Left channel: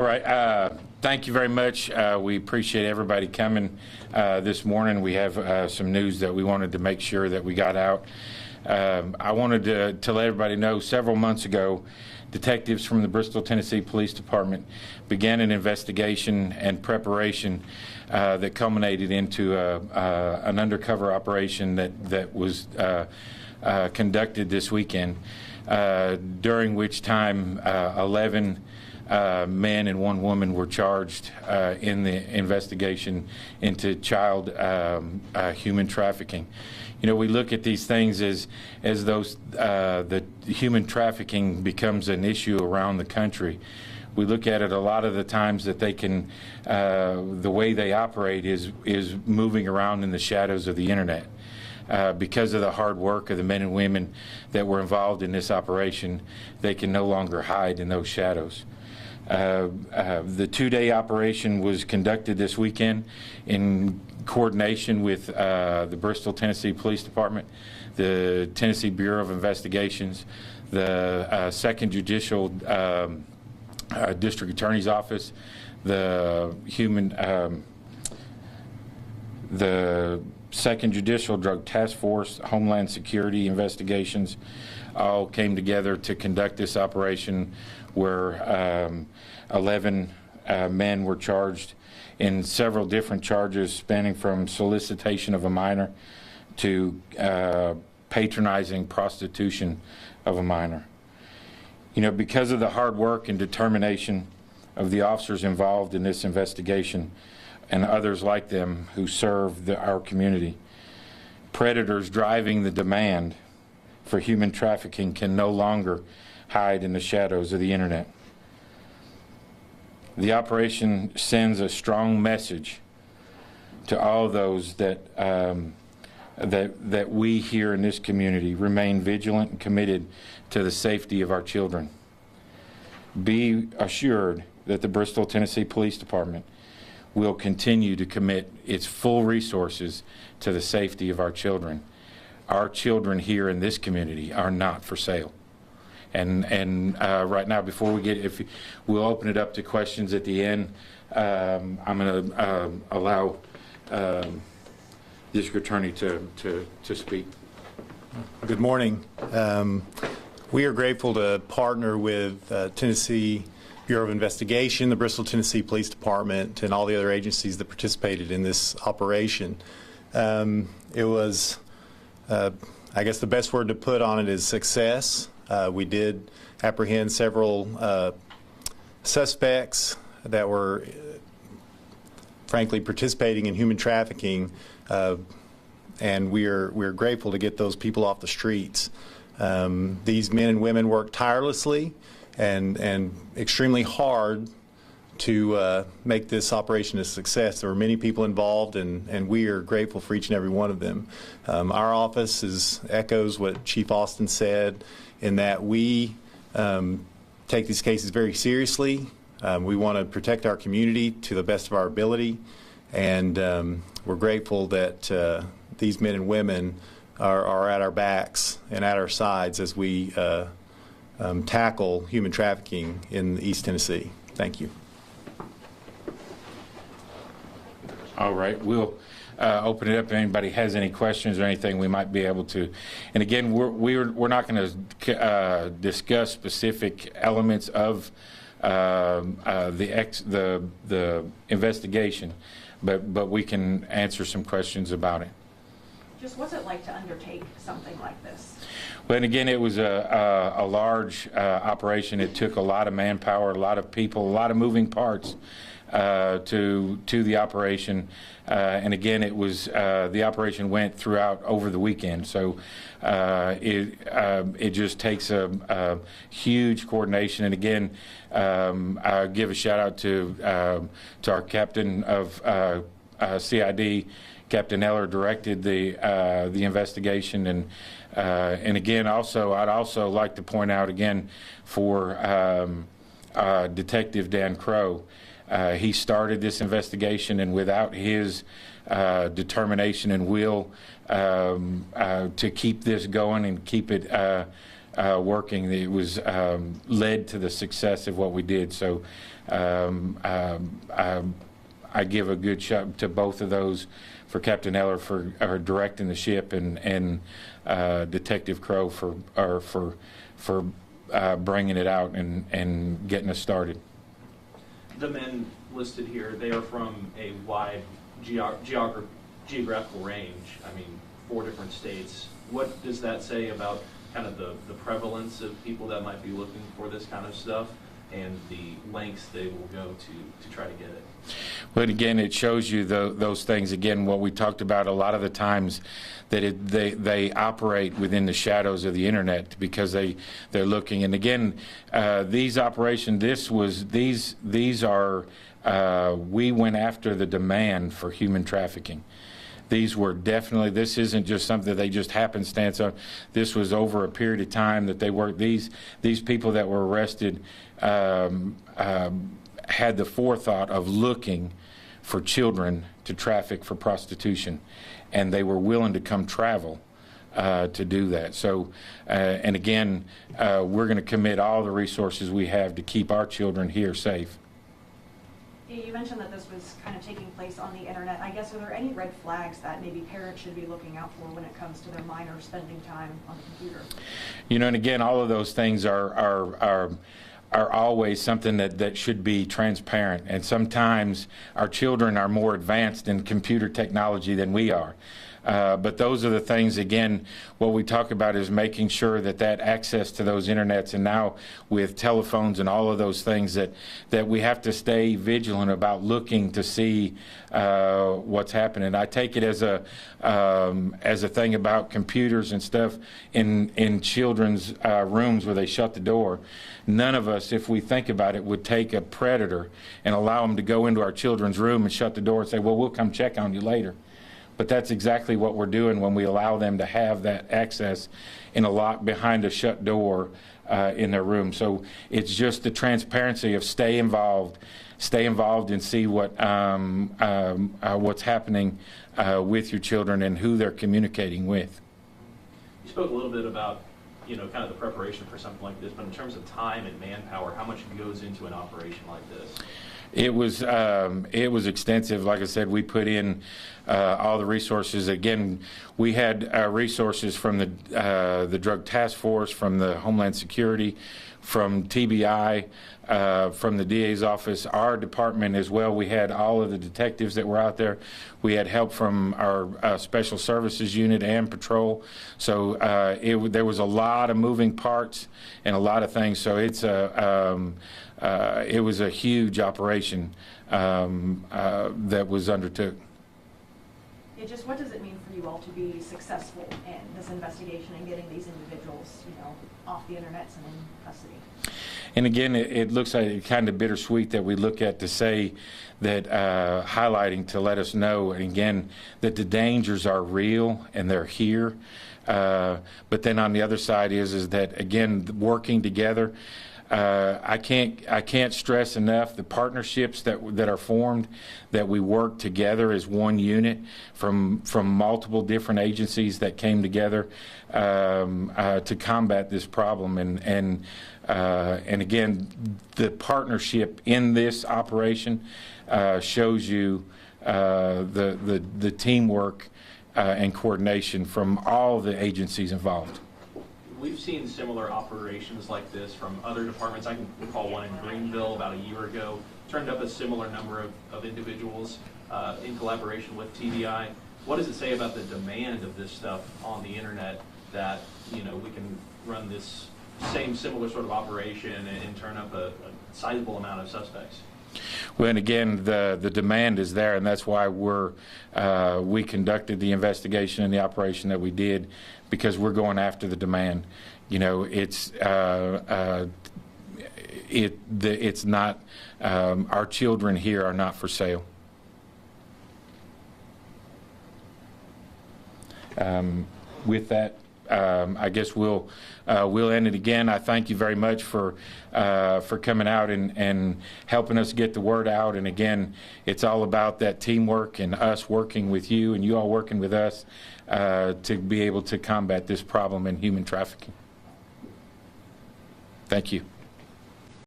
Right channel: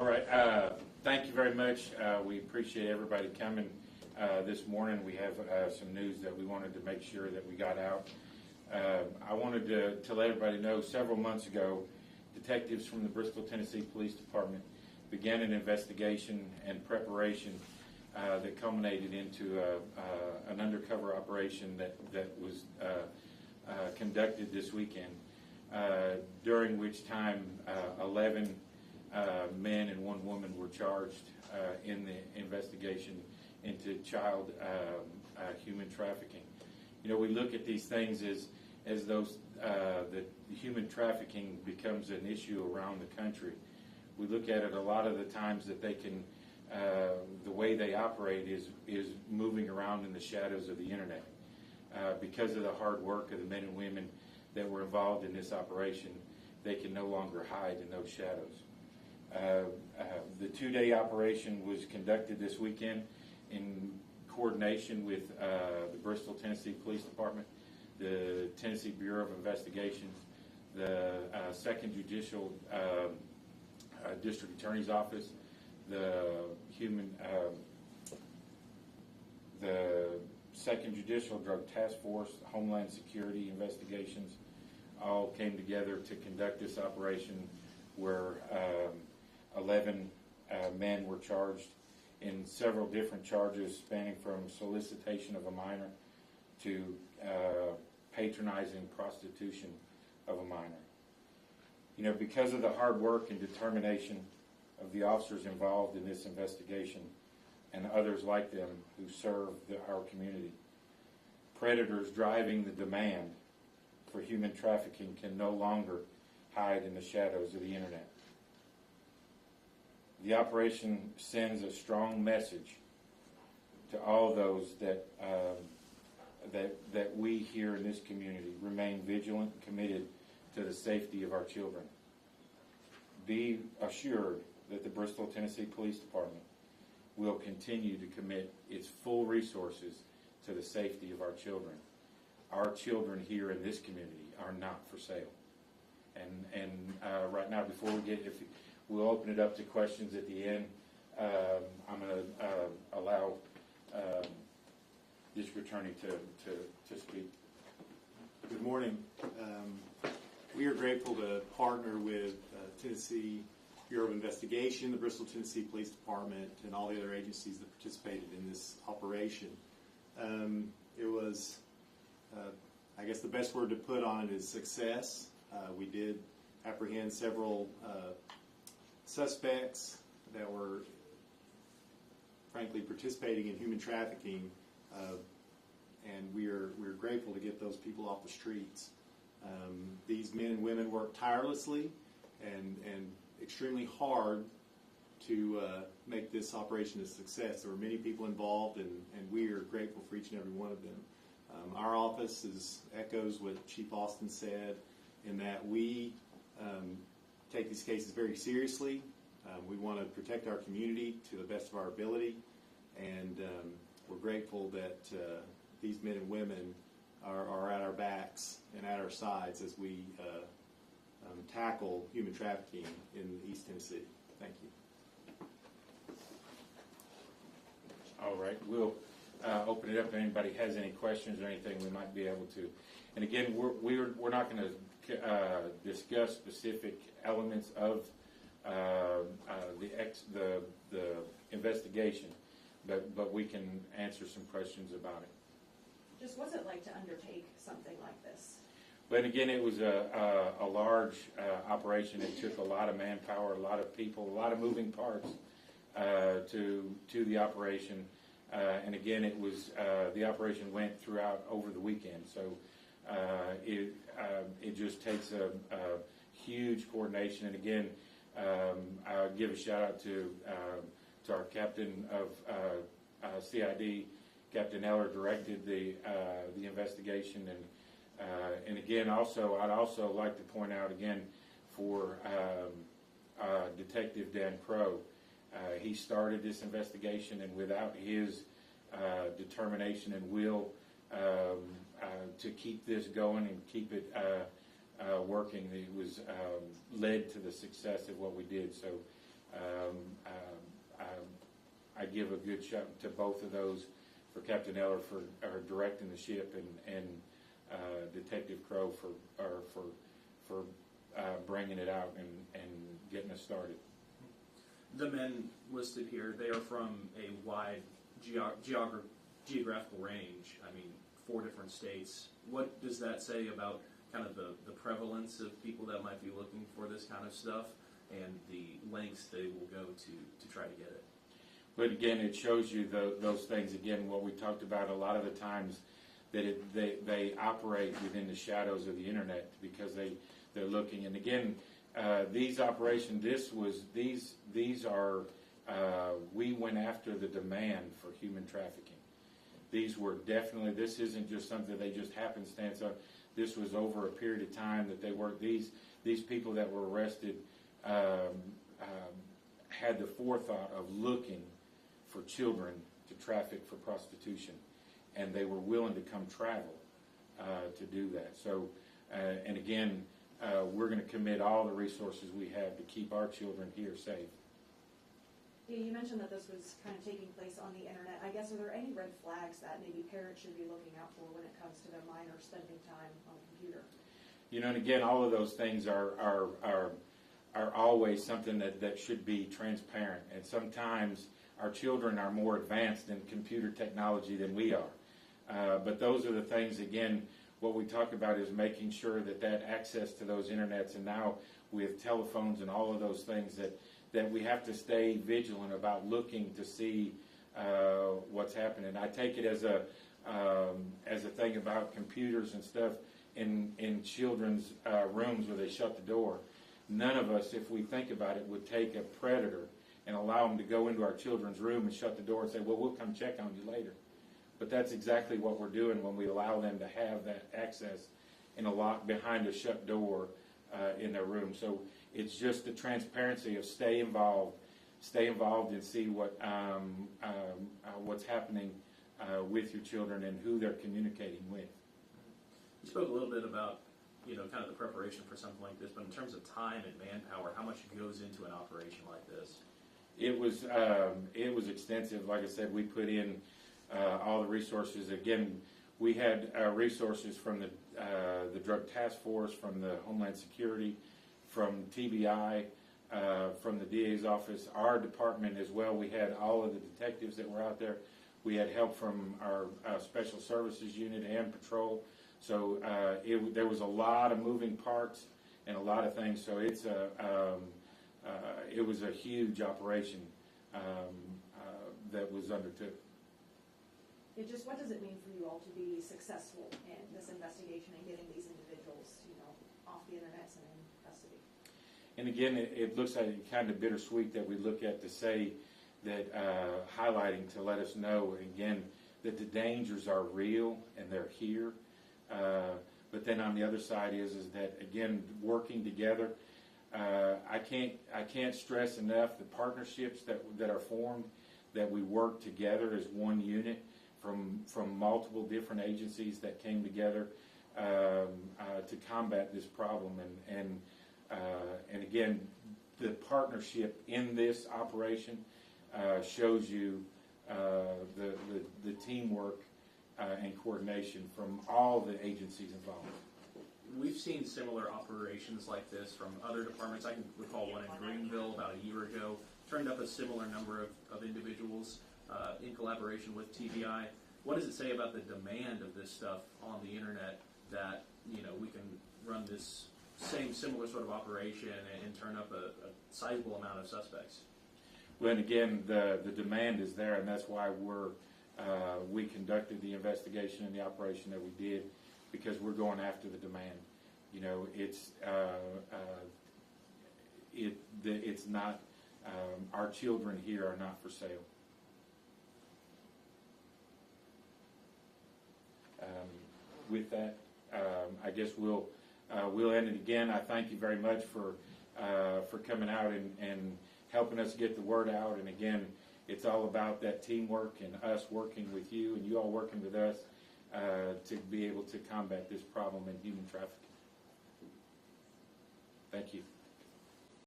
All right. Thank you very much. We appreciate everybody coming this morning. We have some news that we wanted to make sure that we got out. I wanted to let everybody know several months ago, detectives from the Bristol, Tennessee Police Department began an investigation and preparation that culminated into an undercover operation that was conducted this weekend, during which time 11 men and one woman were charged in the investigation into child human trafficking. You know, we look at these things as those the human trafficking becomes an issue around the country. We look at it a lot of the times that they can, the way they operate is moving around in the shadows of the internet. Because of the hard work of the men and women that were involved in this operation, they can no longer hide in those shadows. The two-day operation was conducted this weekend in coordination with the Bristol, Tennessee Police Department, the Tennessee Bureau of Investigations, the 2nd Judicial District Attorney's Office, the 2nd Judicial Drug Task Force, Homeland Security Investigations, all came together to conduct this operation where 11 men were charged in several different charges spanning from solicitation of a minor to patronizing prostitution of a minor. You know, because of the hard work and determination of the officers involved in this investigation and others like them who serve our community, predators driving the demand for human trafficking can no longer hide in the shadows of the internet. The operation sends a strong message to all those that that we here in this community remain vigilant and committed to the safety of our children. Be assured that the Bristol, Tennessee Police Department will continue to commit its full resources to the safety of our children. Our children here in this community are not for sale. And right now, before we get, we'll open it up to questions at the end. I'm going to allow District Attorney to speak. Good morning. We are grateful to partner with Tennessee Bureau of Investigation, the Bristol, Tennessee Police Department, and all the other agencies that participated in this operation. It was, I guess the best word to put on it is success. We did apprehend several suspects that were frankly participating in human trafficking, and we're grateful to get those people off the streets. These men and women worked tirelessly and extremely hard to make this operation a success. There were many people involved, and we are grateful for each and every one of them. Our office echoes what Chief Austin said, in that we take these cases very seriously. We want to protect our community to the best of our ability, and we're grateful that these men and women are at our backs and at our sides as we tackle human trafficking in East Tennessee. Thank you. All right, we'll open it up if anybody has any questions or anything we might be able to. And again, we're not going to discuss specific elements of the investigation, but we can answer some questions about it. Just what's it like to undertake something like this? Well, and again, it was a large operation. It took a lot of manpower, a lot of people, a lot of moving parts to the operation. And again, it was the operation went throughout over the weekend, so it just takes a huge coordination. And again, I'll give a shout out to our captain of CID, Captain Eller, directed the investigation. And again, also I'd also like to point out again for Detective Dan Crow. He started this investigation, and without his determination and will to keep this going and keep it working, it was led to the success of what we did. So I give a good shot to both of those, for Captain Eller for directing the ship, and Detective Crow for bringing it out and getting us started. The men listed here, they are from a wide geographical range. I mean, 4 different states. What does that say about kind of the prevalence of people that might be looking for this kind of stuff, and the lengths they will go to try to get it? But again, it shows you those things. Again, what we talked about a lot of the times, that they operate within the shadows of the internet because they're looking. And again, these operations, these are we went after the demand for human trafficking. These were definitely, this isn't just something they just happenstance of. This was over a period of time that they worked. These people that were arrested had the forethought of looking for children to traffic for prostitution, and they were willing to come travel to do that. So, and again, we're going to commit all the resources we have to keep our children here safe. You mentioned that this was kind of taking place on the internet. I guess, are there any red flags that maybe parents should be looking out for when it comes to their minors spending time on the computer? You know, and again, all of those things are always something that should be transparent. And sometimes our children are more advanced in computer technology than we are. But those are the things, again, what we talk about is making sure that access to those internets, and now with telephones and all of those things, that we have to stay vigilant about looking to see what's happening. I take it as a thing about computers and stuff in children's rooms where they shut the door. None of us, if we think about it, would take a predator and allow them to go into our children's room and shut the door and say, well, we'll come check on you later. But that's exactly what we're doing when we allow them to have that access in a lock behind a shut door in their room. So it's just the transparency of stay involved and see what's happening with your children and who they're communicating with. You spoke a little bit about, you know, kind of the preparation for something like this, but in terms of time and manpower, how much goes into an operation like this? It was extensive. Like I said, we put in all the resources. Again, we had resources from the Drug Task Force, from the Homeland Security, from TBI, from the DA's office, our department as well. We had all of the detectives that were out there. We had help from our Special Services Unit and Patrol. So there was a lot of moving parts and a lot of things. So it was a huge operation that was undertook. Yeah, just what does it mean for you all to be successful in this investigation and getting these individuals, you know, off the internet and in custody? And again, it looks like kind of bittersweet that we look at to say that highlighting to let us know, and again, that the dangers are real and they're here. But then on the other side is that, again, working together. I can't stress enough the partnerships that are formed, that we work together as one unit from multiple different agencies that came together to combat this problem. And again, the partnership in this operation shows you the teamwork and coordination from all the agencies involved. We've seen similar operations like this from other departments. I can recall one in Greenville about a year ago. Turned up a similar number of individuals in collaboration with TBI. What does it say about the demand of this stuff on the internet that, you know, we can run this similar sort of operation and turn up a sizable amount of suspects? Well, and again, the demand is there, and that's why we conducted the investigation and the operation that we did, because we're going after the demand. You know, it's not our children here are not for sale. With that, I guess we'll end it again. I thank you very much for coming out and helping us get the word out. And again, it's all about that teamwork and us working with you and you all working with us to be able to combat this problem in human trafficking. Thank you.